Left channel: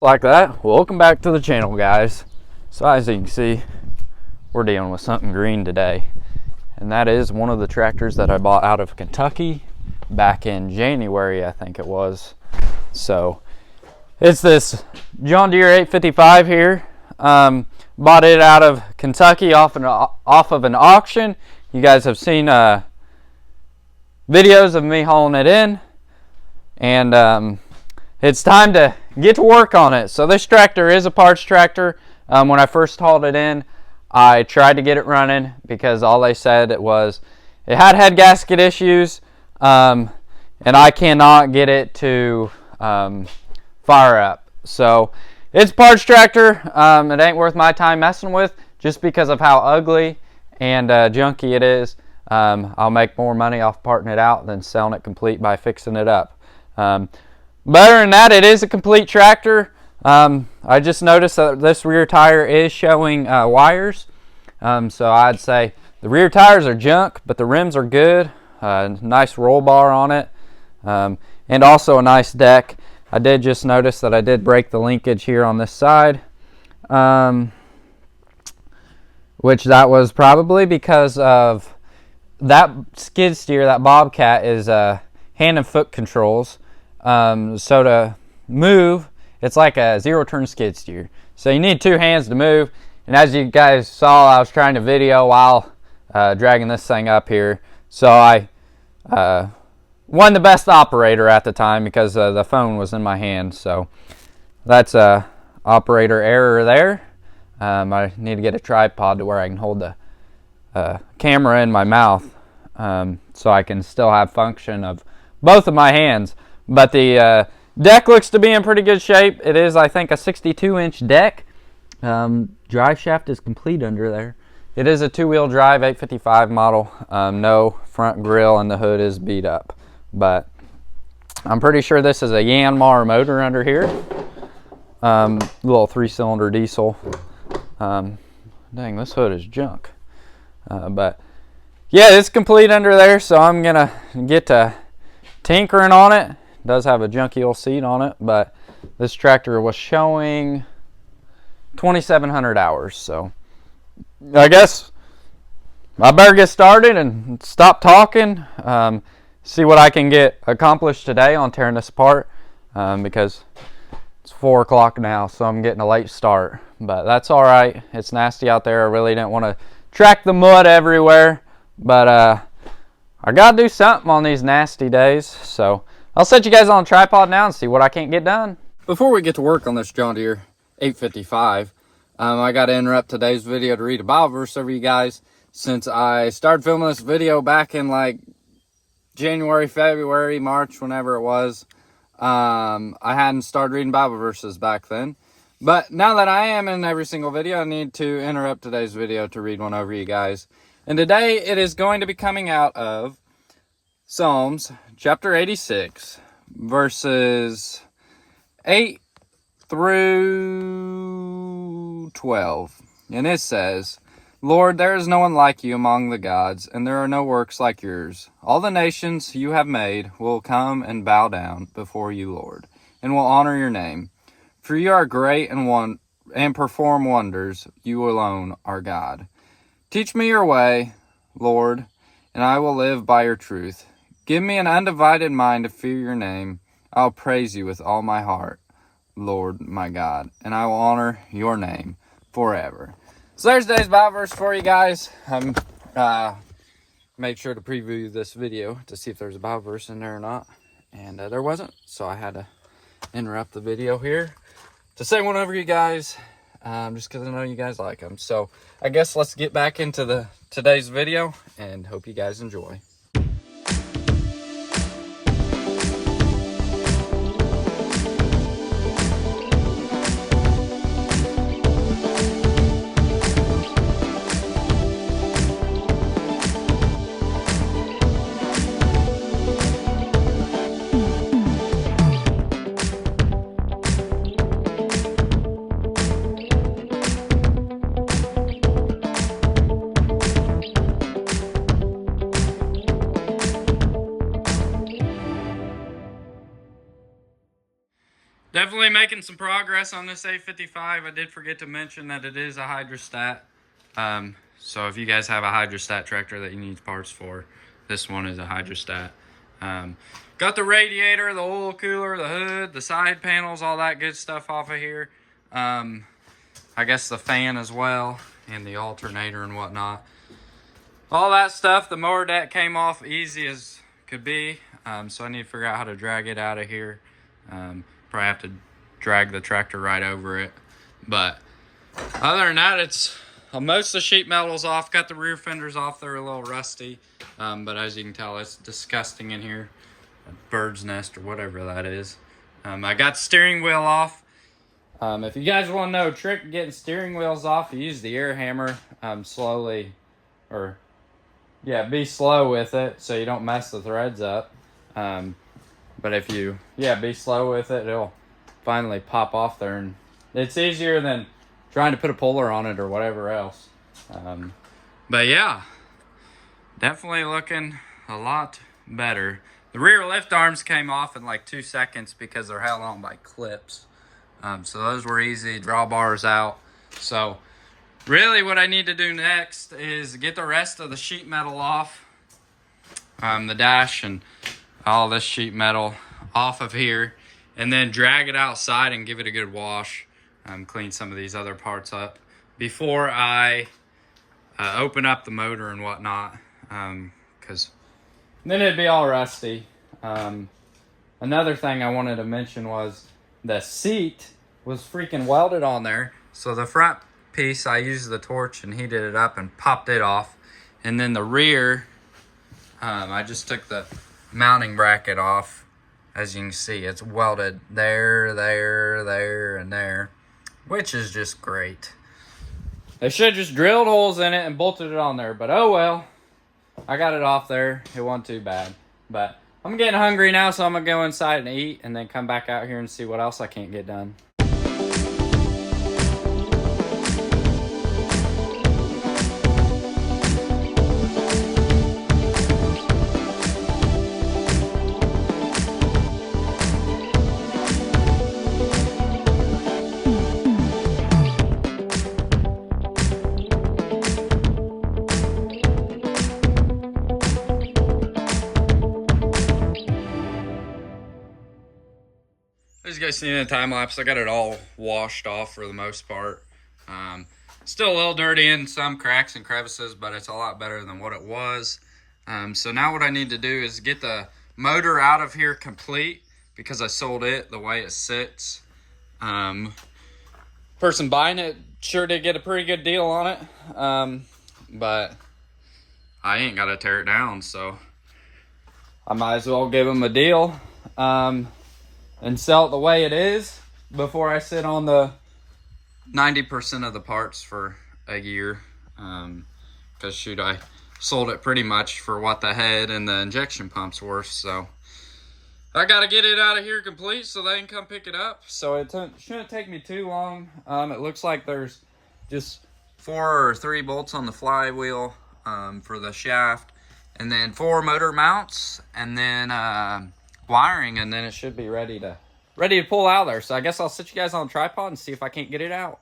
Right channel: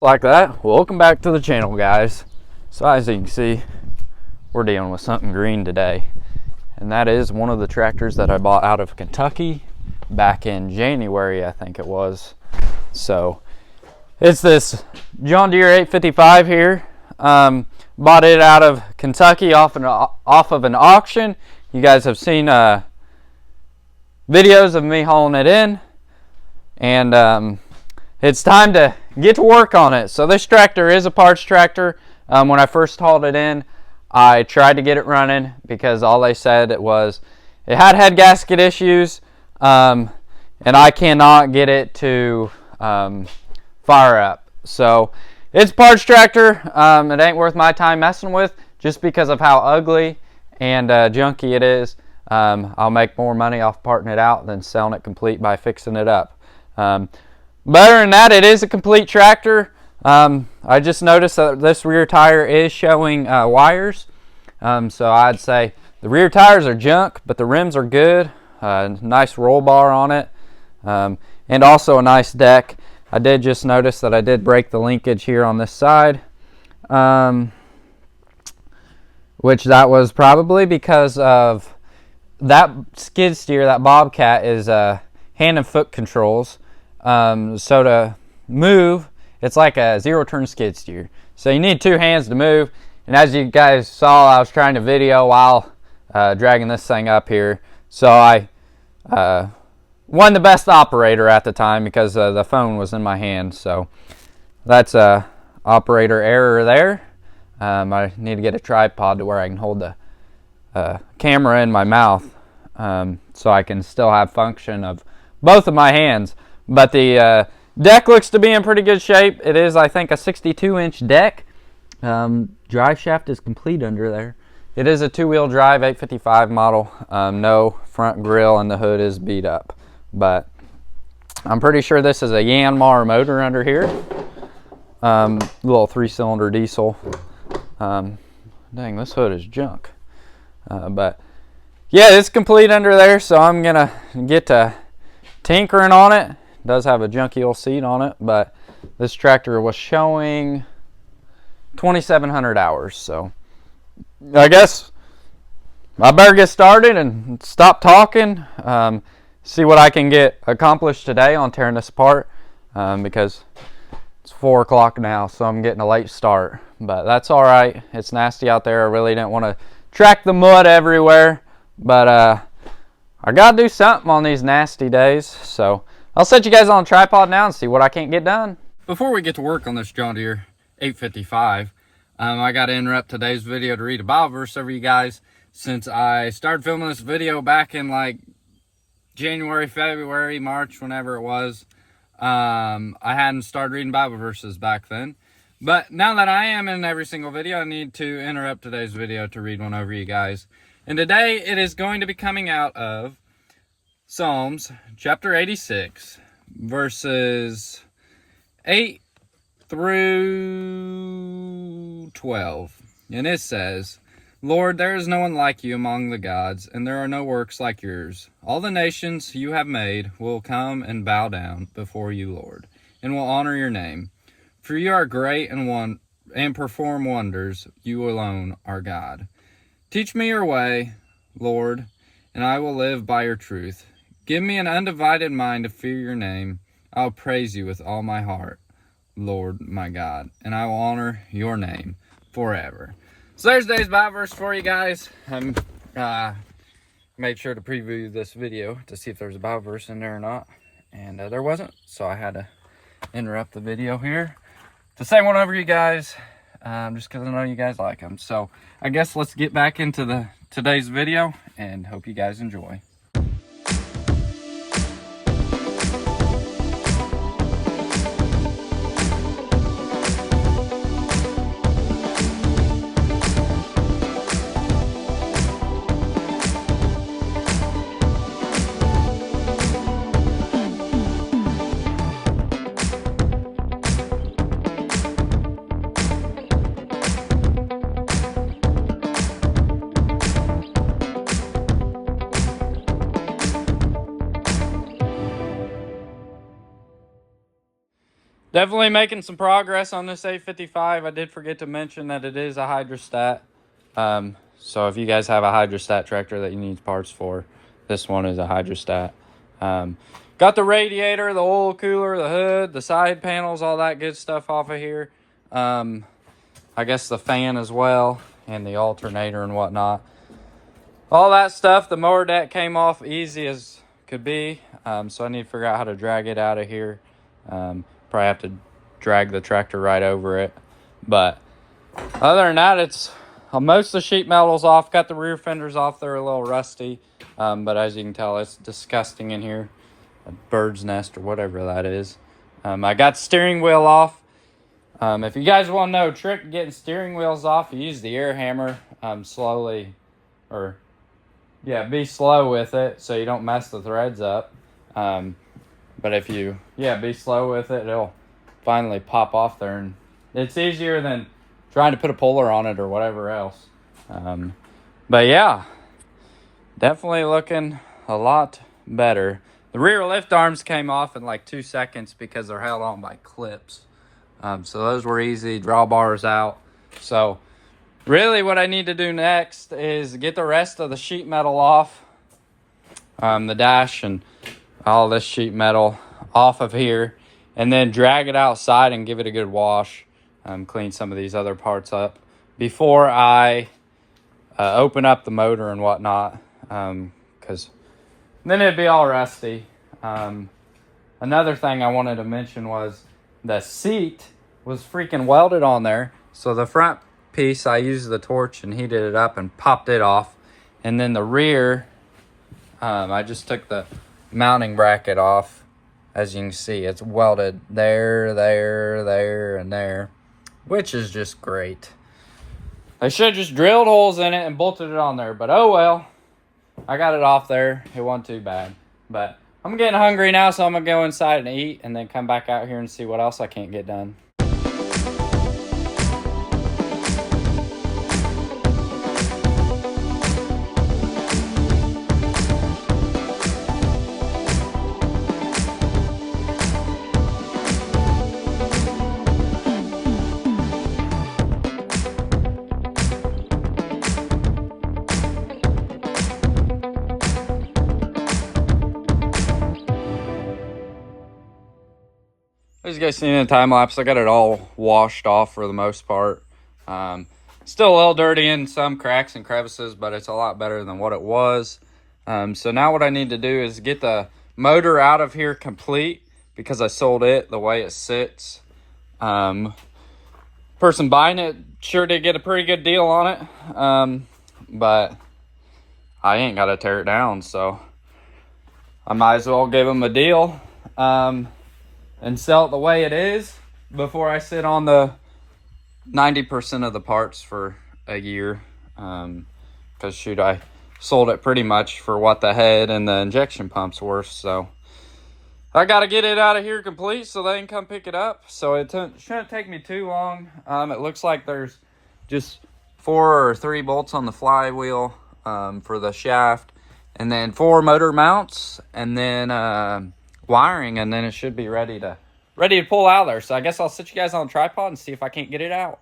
Like that. Welcome back to the channel, guys. So as you can see, we're dealing with something green today, and that is one of the tractors that I bought out of Kentucky back in January, I think it was. So it's this John Deere 855 here. Bought it out of Kentucky off of an auction. You guys have seen videos of me hauling it in, and it's time to get to work on it. So this tractor is a parts tractor. When I first hauled it in, I tried to get it running because all they said it was it had head gasket issues, and I cannot get it to fire up. So it's a parts tractor. It ain't worth my time messing with just because of how ugly and junky it is. I'll make more money off parting it out than selling it complete by fixing it up. But other than that, it is a complete tractor. I just noticed that this rear tire is showing wires. So I'd say the rear tires are junk, but the rims are good. Nice roll bar on it, and also a nice deck. I did just notice that I did break the linkage here on this side, which that was probably because of that skid steer. That Bobcat is hand and foot controls. So to move, it's like a zero turn skid steer. So you need two hands to move. And as you guys saw, I was trying to video while dragging this thing up here. So I wasn't the best operator at the time because the phone was in my hand. So that's a operator error there. I need to get a tripod to where I can hold the camera in my mouth, so I can still have function of both of my hands. But the deck looks to be in pretty good shape. It is, I think, a 62-inch deck. Drive shaft is complete under there. It is a two-wheel drive 855 model. No front grille, and the hood is beat up. But I'm pretty sure this is a Yanmar motor under here. Little 3-cylinder diesel. Dang, this hood is junk. But yeah, it's complete under there, so I'm gonna get to tinkering on it. Does have a junky old seat on it, but this tractor was showing 2,700 hours. So I guess I better get started and stop talking. See what I can get accomplished today on tearing this apart, because it's 4 o'clock now, so I'm getting a late start. But that's all right. It's nasty out there. I really didn't want to track the mud everywhere, but I gotta do something on these nasty days. So I'll set you guys on a tripod now and see what I can't get done. Before we get to work on this John Deere 855, I got to interrupt today's video to read a Bible verse over you guys. Since I started filming this video back in like January, February, March, whenever it was, I hadn't started reading Bible verses back then. But now that I am in every single video, I need to interrupt today's video to read one over you guys. And today it is going to be coming out of Psalms chapter 86, verses 8 through 12. And it says, Lord, there is no one like you among the gods, and there are no works like yours. All the nations you have made will come and bow down before you, Lord, and will honor your name. For you are great and perform wonders. You alone are God. Teach me your way, Lord, and I will live by your truth. Give me an undivided mind to fear your name. I'll praise you with all my heart, Lord my God, and I will honor your name forever. So there's today's Bible verse for you guys. Made sure to preview this video to see if there's a Bible verse in there or not, and there wasn't, so I had to interrupt the video here to say one over you guys, just because I know you guys like them. So I guess let's get back into today's video, and hope you guys enjoy. Definitely making some progress on this 855. I did forget to mention that it is a hydrostat. So if you guys have a hydrostat tractor that you need parts for, this one is a hydrostat. Got the radiator, the oil cooler, the hood, the side panels, all that good stuff off of here. I guess the fan as well, and the alternator and whatnot. All that stuff, the mower deck came off easy as could be. So I need to figure out how to drag it out of here. Probably have to drag the tractor right over it. But other than that, it's most of the sheet metal's off. Got the rear fenders off. They're a little rusty. But as you can tell, it's disgusting in here. A bird's nest or whatever that is. I got the steering wheel off. If you guys want to know a trick getting steering wheels off, you use the air hammer slowly, or yeah, be slow with it so you don't mess the threads up. But if you, be slow with it, it'll finally pop off there. And it's easier than trying to put a puller on it or whatever else. But yeah, definitely looking a lot better. The rear lift arms came off in like 2 seconds because they're held on by clips. So those were easy, drawbars out. So really what I need to do next is get the rest of the sheet metal off. The dash and all this sheet metal off of here. And then drag it outside and give it a good wash. Clean some of these other parts up before I open up the motor and whatnot. Because then it'd be all rusty. Another thing I wanted to mention was the seat was freaking welded on there. So the front piece, I used the torch and heated it up and popped it off. And then the rear, I just took the mounting bracket off. As you can see, it's welded there, there, there, and there, which is just great. They should have just drilled holes in it and bolted it on there, but oh well. I got it off there. It wasn't too bad. But I'm getting hungry now, so I'm going to go inside and eat and then come back out here and see what else I can't get done. As you guys seen in the time lapse, I got it all washed off for the most part. Still a little dirty in some cracks and crevices, but it's a lot better than what it was. So now what I need to do is get the motor out of here complete, because I sold it the way it sits. Person buying it sure did get a pretty good deal on it, but I ain't got to tear it down, so I might as well give them a deal. And sell it the way it is before I sit on the 90% of the parts for a year. Because shoot, I sold it pretty much for what the head and the injection pump's worth. So I got to get it out of here complete so they can come pick it up. So it shouldn't take me too long. It looks like there's just 4 or 3 bolts on the flywheel for the shaft. And then 4 motor mounts. And then wiring, and then it should be ready to pull out there. So I guess I'll sit you guys on a tripod and see if I can't get it out.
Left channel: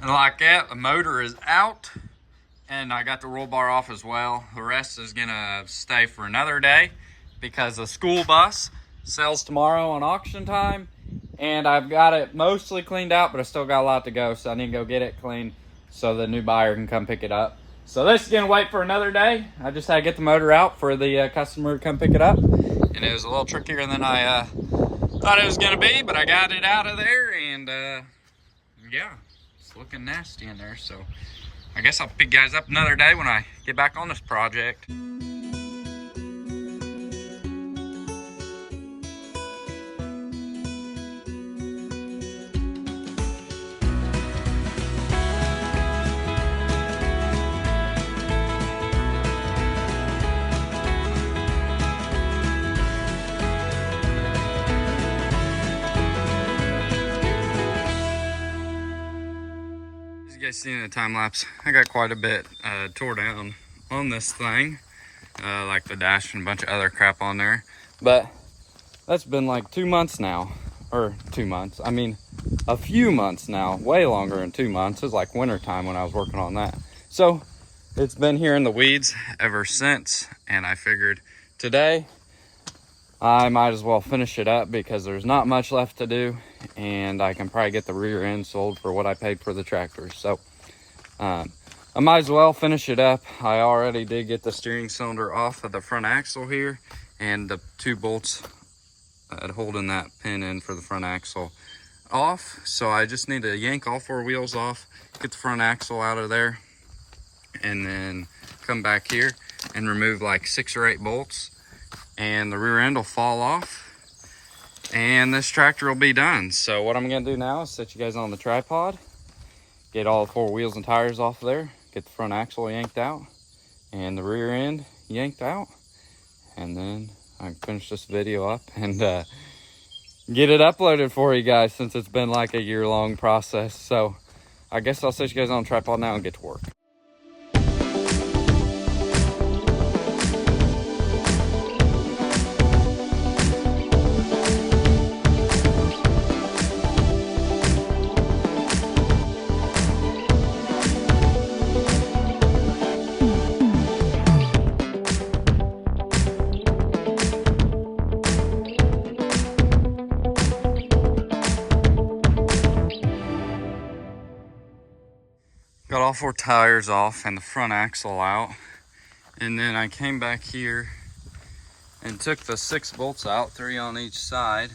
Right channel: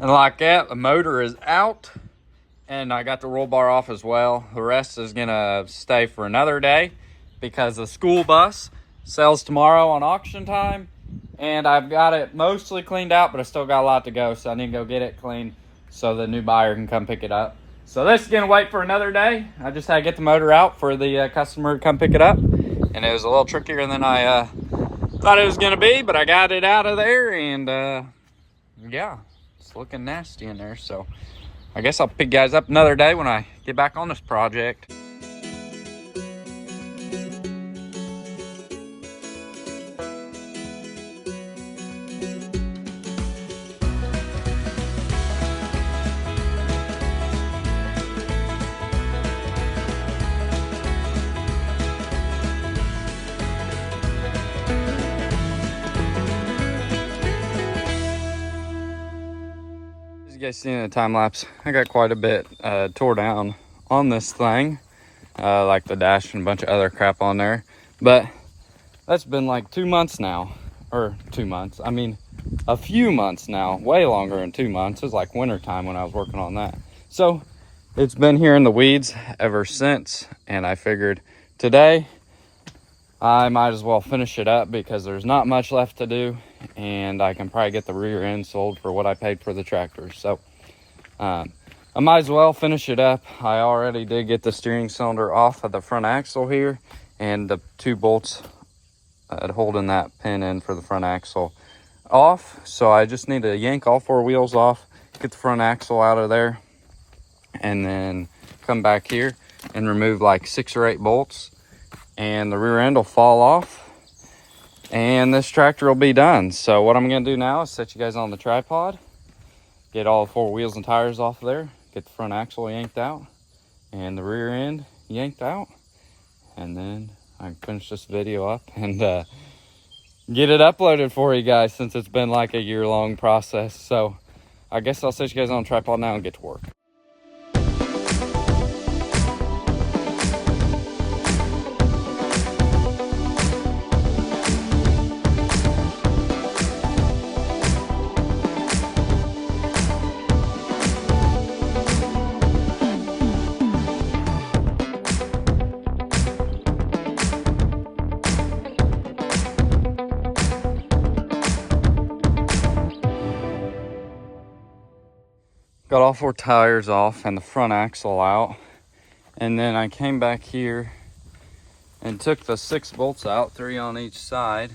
And like that, the motor is out, and I got the roll bar off as well. The rest is gonna stay for another day because the school bus sells tomorrow on auction time, and I've got it mostly cleaned out, but I still got a lot to go, so I need to go get it cleaned so the new buyer can come pick it up. So this is gonna wait for another day. I just had to get the motor out for the customer to come pick it up, and it was a little trickier than I thought it was gonna be, but I got it out of there, and yeah. Looking nasty in there, so I guess I'll pick you guys up another day when I get back on this project. guys seen in the time lapse, I got quite a bit tore down on this thing, like the dash and a bunch of other crap on there. But that's been like 2 months now, or 2 months. I mean, a few months now, way longer than 2 months. It was like winter time when I was working on that. So it's been here in the weeds ever since, and I figured today I might as well finish it up because there's not much left to do, and I can probably get the rear end sold for what I paid for the tractor. So I might as well finish it up. I already did get the steering cylinder off of the front axle here, and the 2 bolts holding that pin in for the front axle off. So I just need to yank all 4 wheels off, get the front axle out of there, and then come back here and remove like 6 or 8 bolts, and the rear end will fall off and this tractor will be done. So what I'm gonna do now is set you guys on the tripod, get all 4 wheels and tires off of there, get the front axle yanked out and the rear end yanked out, and then I can finish this video up and get it uploaded for you guys, since it's been like a year-long process. So I guess I'll set you guys on the tripod now and get to work. Got all 4 tires off and the front axle out. And then I came back here and took the 6 bolts out, 3 on each side.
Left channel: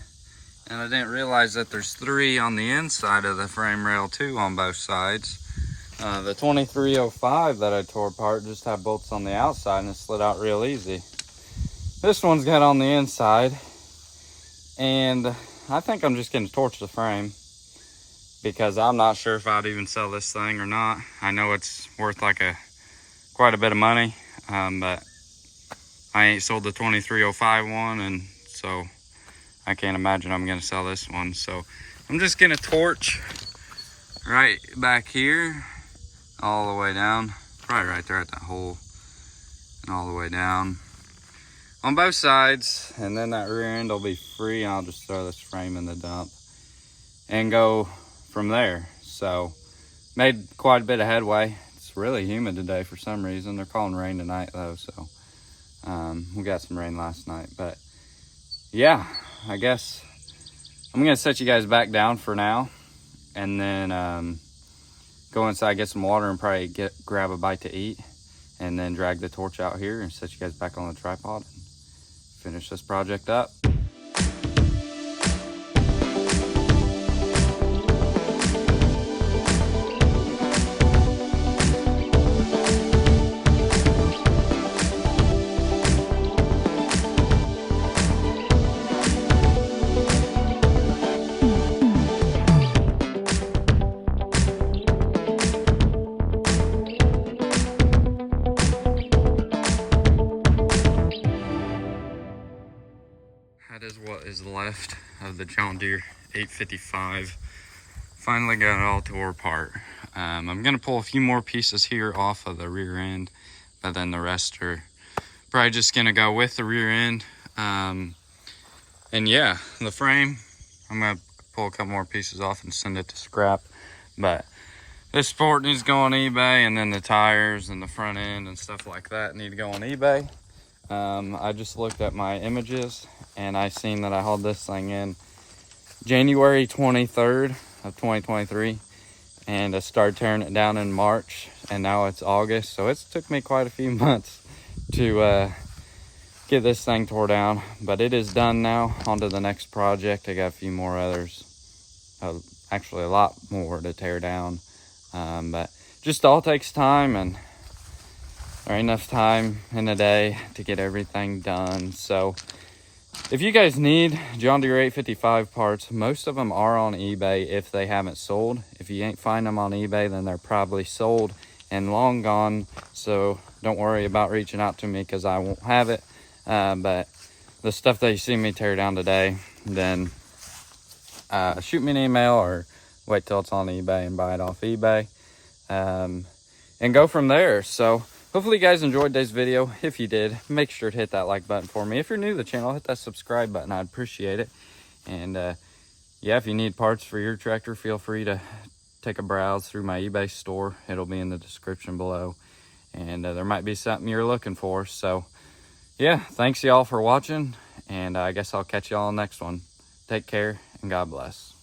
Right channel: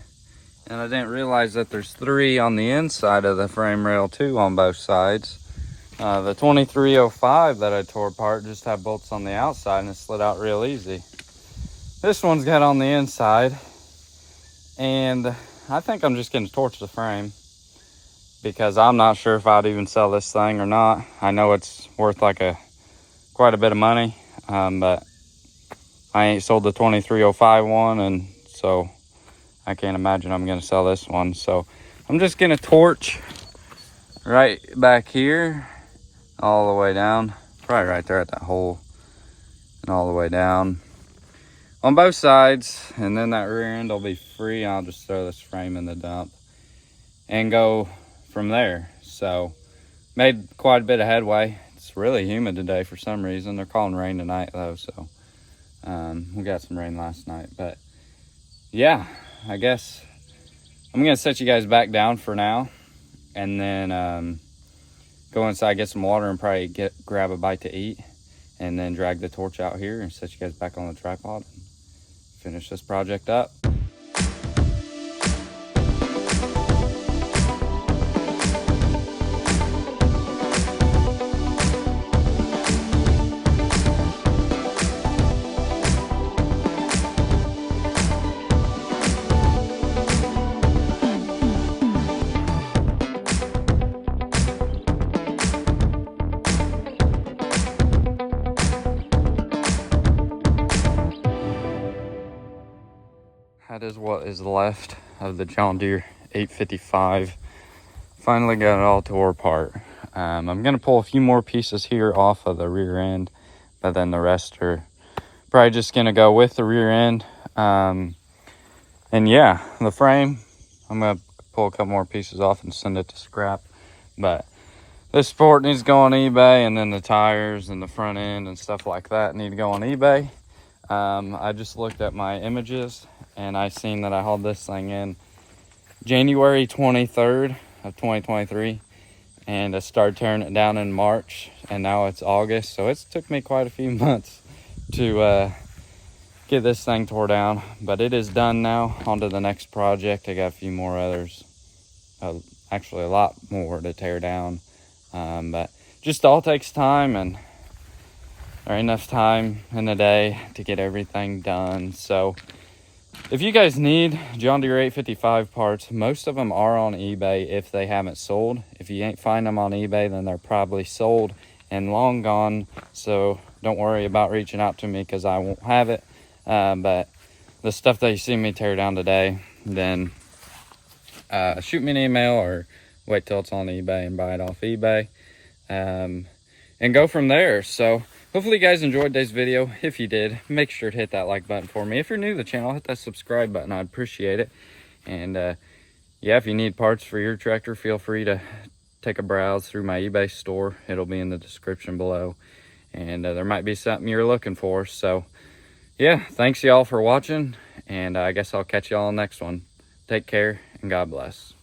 And I didn't realize that there's 3 on the inside of the frame rail too on both sides. The 2305 that I tore apart just had bolts on the outside and it slid out real easy. This one's got on the inside, and I think I'm just gonna torch the frame, because I'm not sure if I'd even sell this thing or not. I know it's worth like quite a bit of money, but I ain't sold the 2305 one, and so I can't imagine I'm gonna sell this one. So I'm just gonna torch right back here all the way down, probably right there at that hole, and all the way down on both sides, and then that rear end will be free. I'll just throw this frame in the dump and go from there. So made quite a bit of headway. It's really humid today for some reason. They're calling rain tonight though, so we got some rain last night. But yeah, I guess I'm gonna set you guys back down for now, and then go inside, get some water, and probably grab a bite to eat, and then drag the torch out here and set you guys back on the tripod and finish this project up. That is what is left of the John Deere 855. Finally got it all tore apart. I'm gonna pull a few more pieces here off of the rear end, but then the rest are probably just gonna go with the rear end. And yeah, the frame, I'm gonna pull a couple more pieces off and send it to scrap. But this support needs to go on eBay, and then the tires and the front end and stuff like that need to go on eBay. I just looked at my images, and I seen that I hauled this thing in January 23rd of 2023, and I started tearing it down in March, and now it's August. So it's took me quite a few months to get this thing tore down, but it is done now. On to the next project. I got a few more others, actually a lot more to tear down, but just all takes time, and there ain't enough time in the day to get everything done. So if you guys need John Deere 855 parts, most of them are on eBay if they haven't sold. If you ain't find them on eBay, then they're probably sold and long gone. So don't worry about reaching out to me, because I won't have it. But the stuff that you see me tear down today, then shoot me an email or wait till it's on eBay and buy it off eBay. and go from there. So hopefully you guys enjoyed today's video. If you did, make sure to hit that like button for me. If you're new to the channel, hit that subscribe button. I'd appreciate it. And yeah, if you need parts for your tractor, feel free to take a browse through my eBay store. It'll be in the description below, and there might be something you're looking for. So yeah, thanks y'all for watching, and I guess I'll catch y'all on the next one. Take care, and God bless.